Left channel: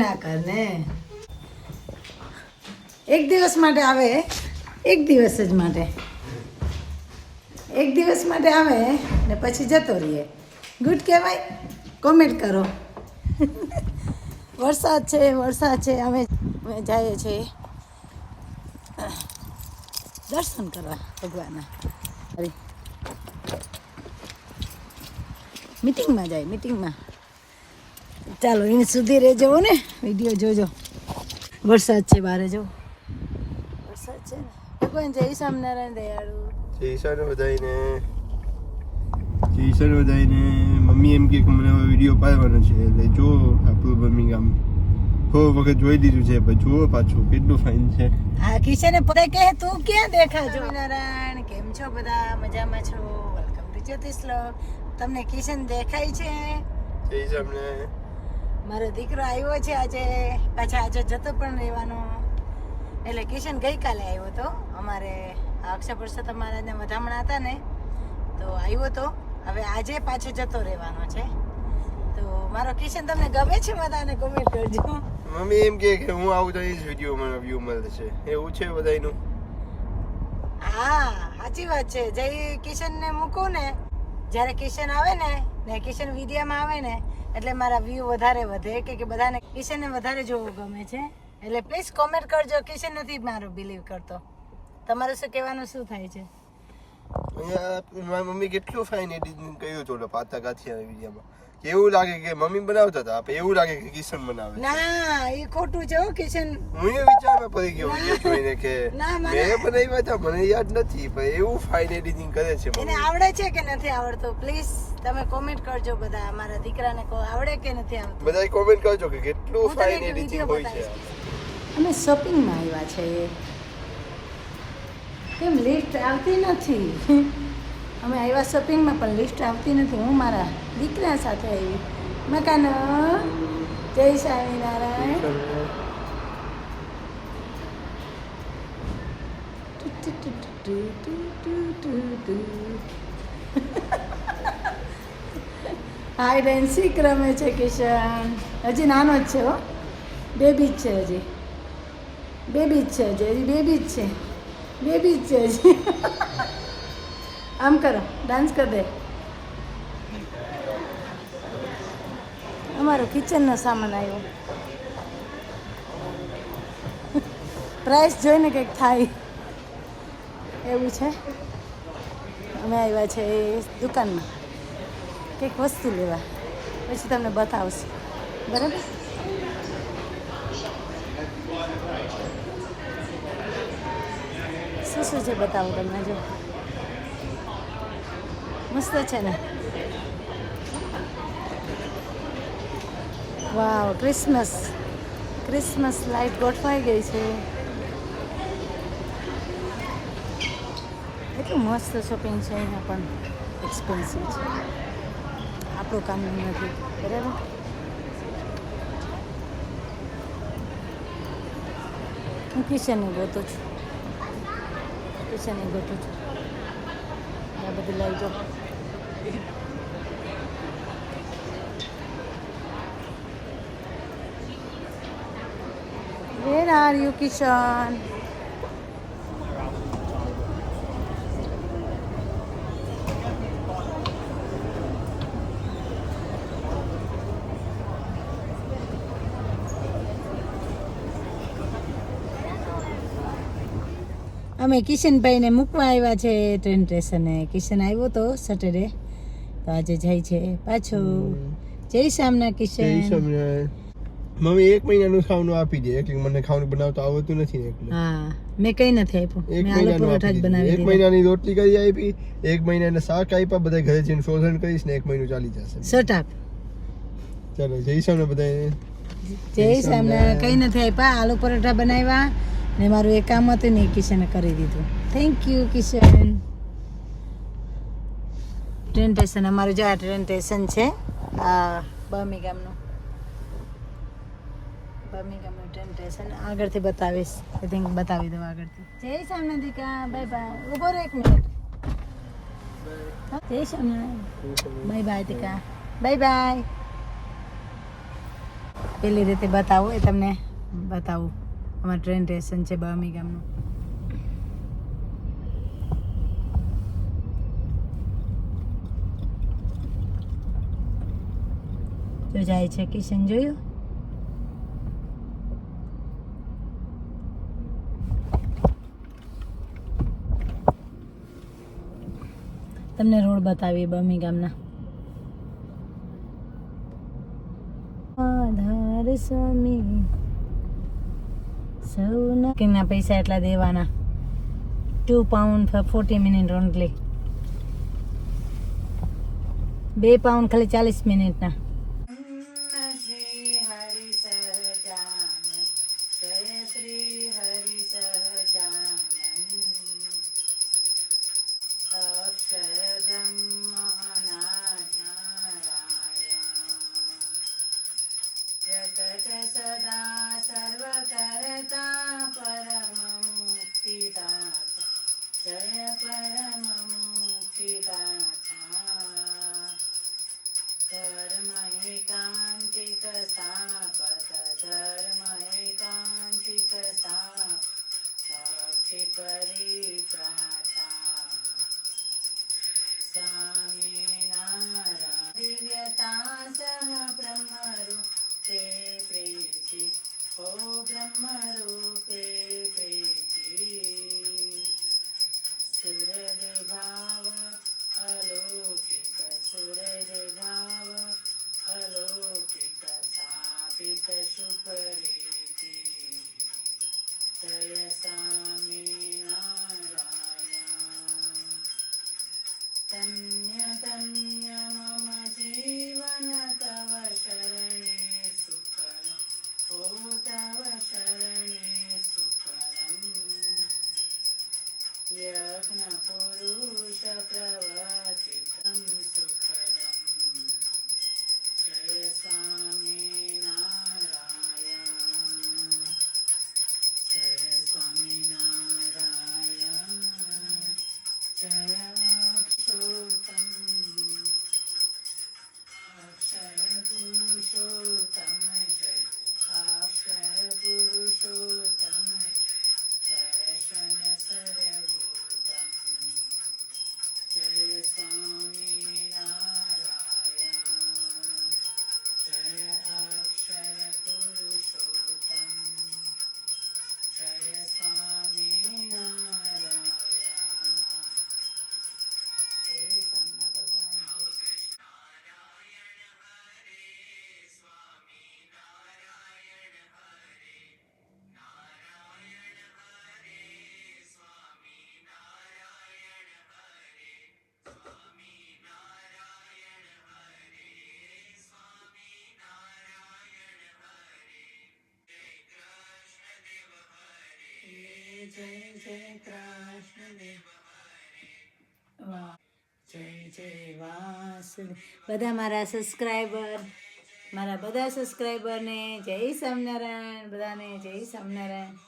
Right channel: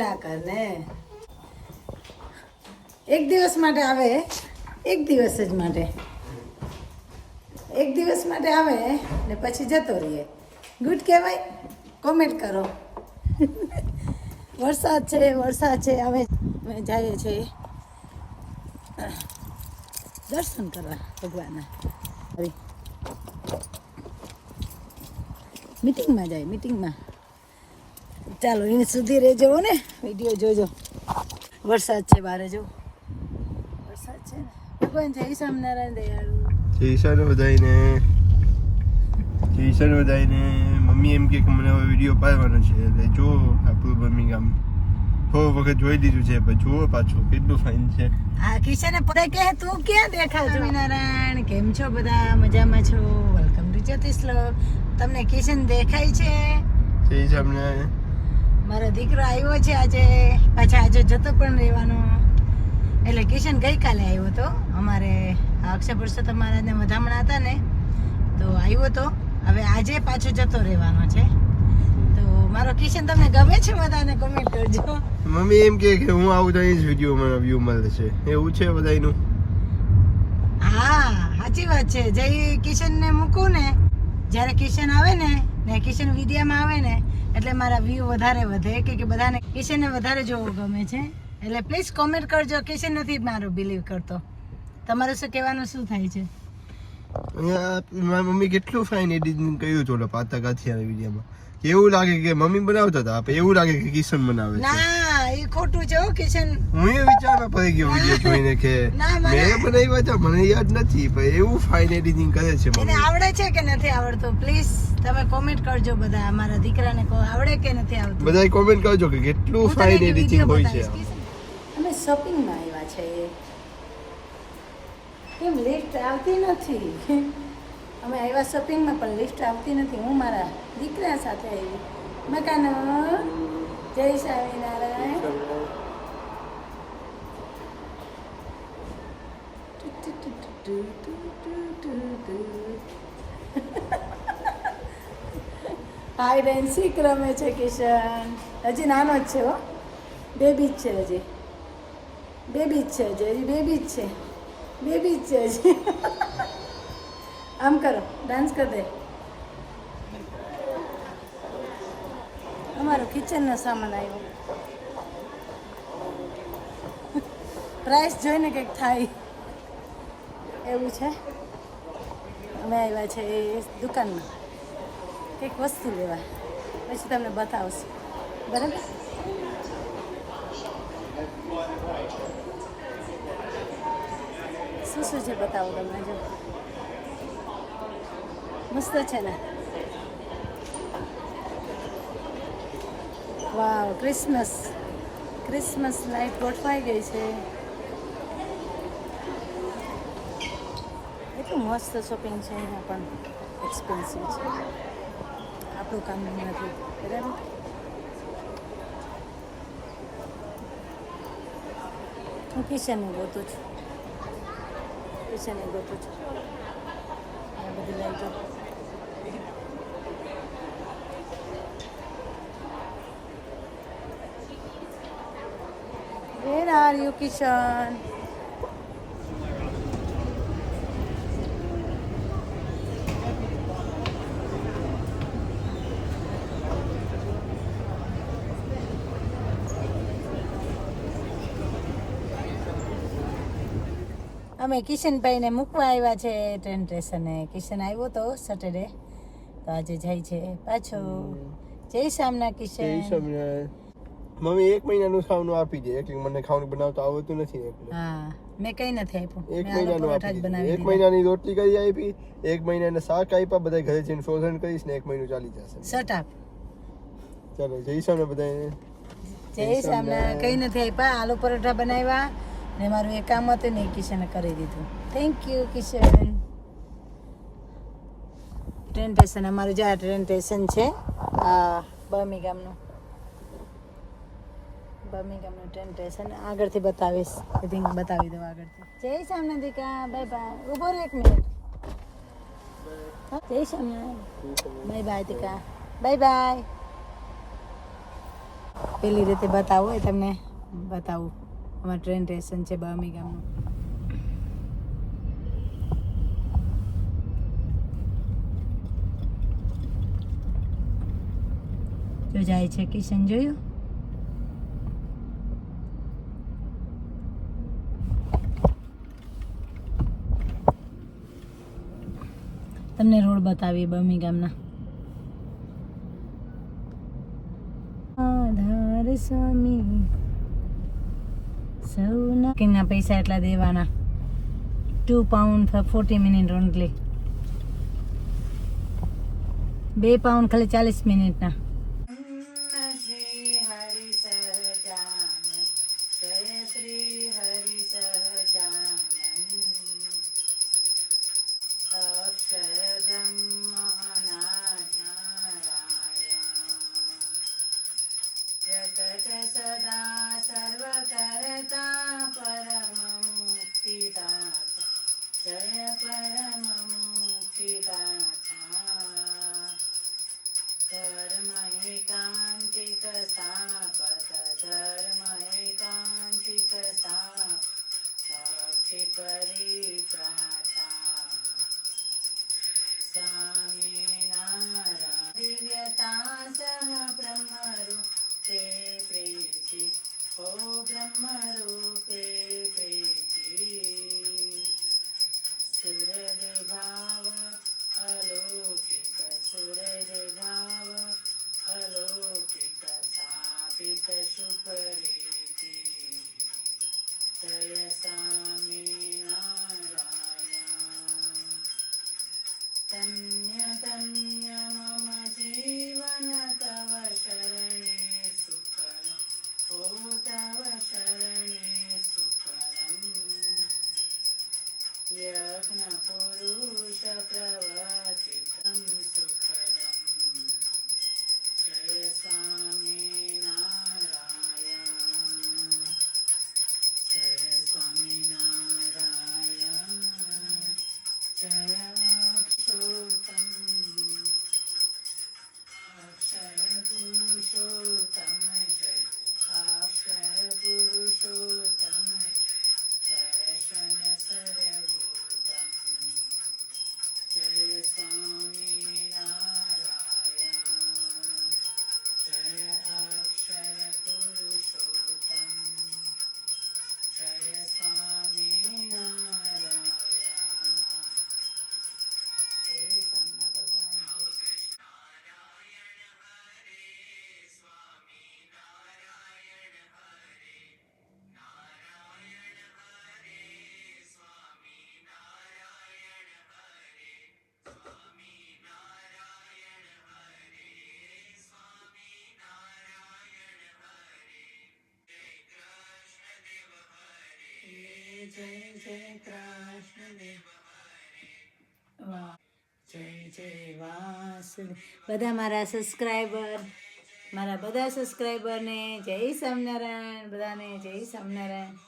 ના કર ને. એક દિવસ માટે આવે, એક દિવસ જ માટે, એક દિવસ માટે આવે ને પછી જતો રહીએ. ગુડ કહેવાય? કોમેન્ટ કરો. વરસાદ છે, અમે જઈએ છીએ દર્શન કરવા ભગવાનના. મીટિંગમાં જાય, મીટિંગમાં. ચાલો એને સુધી રહેજો ને, વિડીયો જોજો. વરસાદ છે બારે, જો વરસાદ છે ને. ભગવાન જય સ્વામિનારાયણ દયાળુ. જય સ્વામિનારાયણ. મમ્મી એમ કે મને હવે વિડીયો પાડવાનો છે, એટલે જો આપણું બર્મિંગહામ થોડો વખત જોઈ દીધું છે, પણ જુઓ પાછું કેટલું ફાઇન છે. હા, કિશને પોતે કહે તું ક્યાં દેખાવ? સ્વામિનારાયણ, કેમ છો બધા? મજામાં છો? વેલકમ ટુ જ્યોતિષલોક. તમને કિશન દેખાય છે? જય સ્વામિનારાયણ. મારો દીકરો આવ્યો છે આજે, પાછા આજે જતો પણ રહેવાનો. એટલે કિશન ગઈકાલે આવ્યો હતો અમારે અક્ષય પુરુષોત્તમ મહારાજને વધામણા હતા ને, તો આવ્યો હતો. હવે આજે પાછો જતો રહેવાનો છે. તો મારો કિશન તમને ગમે છે? બધાને કોમેન્ટ કરજો. મમ્મી એમ કે હું આવું તો એ જ વિડીયો મને વ્યૂ મળે છે, એવું છે બધાયનું. હા, સાચી વાત છે. જય કિશનને મૂકું ને, જ્યારે કિશન આવે ને કિશન વિડીયોમાં આવે ને, એટલે મારા વ્યૂ વધારે વધે, કે બધાને કિશનને વધારે જોવું ગમે છે. એટલે પ્લીઝ કોમેન્ટ કરજો. કિશન નથી મારો બિલીવ કરતો. તમારું શું કહેવાનું શું થાય છે? મારી મમ્મી કેટલું ફાઇન એડિટિંગ કર્યું હતું પાતા કાથિયા વિડીયોમાં. એવું લાગે કે મમ્મી બનાવતા હતા, આપણે એવું લાગે કે કિશન બનાવે છે. ના, એ ખોટું છે હો કિશન. હું એ વિચારમાં પડી ગયો વિડીયો જોઈને કે મેં બનાવ્યા હતા, મને યાદ નથી, પણ એવું ફાઇન એડિટિંગ કરે છે એને મમ્મી. આવડે છે કે નથી આવડતું? પ્લીઝ તમે કોમેન્ટ કરજો બધા. મારા દીકરાને આવડે કે નથી આવડતું? બધાય કોમેન્ટ કરજો કે કેટલું ફાઇન એડિટિંગ હોય છે. અમે શોપિંગમાં આવ્યા છે. કેમ લિફ્ટ આવતી નથી? અમે આવ્યા શોપિંગમાં, પણ લિફ્ટ આવતી નથી. હું મારા દીકરા સાથે આવી. મકાનો જય સ્વામિનારાયણ. હાઈડ એન્ડ સીક રમે છે કિશન. હજી નાનો જ છે હો, બેબી જ છે હજી, બેબી જ છે હજી, બેબી જ છે, બેબી જ છે હજી. આમ કરો, ડાન્સ કરી દે. અમારો કિચનનો સામાન આવ્યો. પ્રાઇસ જોઈને કંઈક થાય એવું છે. અમે આવ્યા છે દુકાનમાં કંઈક વસ્તુ લેવા, પછી તમને બતાવશું. બરાબર? શું છે બતાવું તમને. જો મસ્ત છે ને. વાવ, ક્રિસમસ લાઇટ ગોઠવાઈ ગઈ છે. એટલું મસ્ત શોપિંગ છે અહીંયા, પણ એક્સપેન્સિવ છે. આપણું કામ નથી. બરાબર? હું કિશનને ગોતું છું. આ બધી લાઈટો. Where are you, Kishan? અમે કિશનભાઈને મૂકવા આવ્યા છે ટ્રેન સ્ટેશને. કિશન આવ્યો તો સેટરડે, તો આજે જાય છે પાછો. જય શ્યામના કિશન. મમ્મી 1 મહિનાનું ખાવાનું આપી દે, એટલે મને ખાવાનું બનાવતા આવડતું નથી ને એટલે. હા, મેં કઈ નથી આપ્યું. 1 મેં આલુ પરોઠા જ બનાવી 1 મહિનાની રોટલી કરી આપી, 1 મહિનાના શાક આપ્યા. બધા ઘરે જઈને ફ્રોઝન કરીશ ને 1 મહિનો ચાલી જશે. Shut up. ચાલો જય શ્યામ બધાને. જય શ્યામ. કઈ નથી આપ્યા, આલુ પરોઠા બનાવ્યા ને મારું એક કામ હતું ને કિશને કરી દીધું. Thank you Kishan. Train station અમારું જે ટ્રેન સ્ટેશન છે બર્મિંગહામનું ટ્રેન સ્ટેશન. આગળથી બતાવીશ, આઈ થિંક બતાવી દઉં આગળથી. જય શ્યામ દીકા, બાય બાય. ઉભો રહો 1 મિનિટ. જય શ્યામ. બાય બાય દીકા, બાય બાય. પેલી રીતે બતાવું એ તમને બતાવું. અમારું ટ્રેન સ્ટેશન છે બામી ગામનું. જો જાય છે કિશન, જોયું? તમને રોડ બતાવીએ બામી ગામના. આધાર સ્વામી સૌના કિના પૈસા એટલા દેવાના. £2 for 40 minutes ઓનલી. £2 ખાલી 40 મિનિટના. શ્રી હરિ સહજાનંદ, જય શ્રી હરિ સહજાનંદ. અક્ષર બ્રહ્મ નારાયણ, જગત સદા સર્વ કરતા પરમ મુક્તિદાતા, જય પરમ મુક્તિદાતા. ધર્મ એકાંતિક સ્થાપક, ધર્મ એકાંતિક સ્થાપક, ભક્તિ પરિત્રાતા. સ્વામિનારાયણ દિવ્યતા સહ બ્રહ્મરૂપે પ્રીતિ, ઓ બ્રહ્મરૂપે પ્રીતિ. સુરજ ભાવ અલૌકિક, સુરજ ભાવ અલૌકિક, સ્થાપિત સુપરીતિ. જય સ્વામિનારાયણ. ધન્ય ધન્ય મમ જીવન તવ શરણે સુકરમ, ઓ તવ શરણે સુકરમ. યજ્ઞ પુરુષ પ્રવર્તિતમ સુખદમ. જય સ્વામિનારાયણ, જય સ્વામિનારાયણ. જય પુરુષોત્તમ, અક્ષર પુરુષોત્તમ, જય અક્ષર પુરુષોત્તમ, દર્શન સર્વોત્તમ. જય સ્વામિનારાયણ, જય અક્ષર પુરુષોત્તમ, જય સ્વામિનારાયણ. જય જય કૃષ્ણ દેવ, જય જય વાસુદેવ. બધા મારા સબસ્ક્રાઈબરને જય સ્વામિનારાયણ, બધાને જય સ્વામિનારાયણ.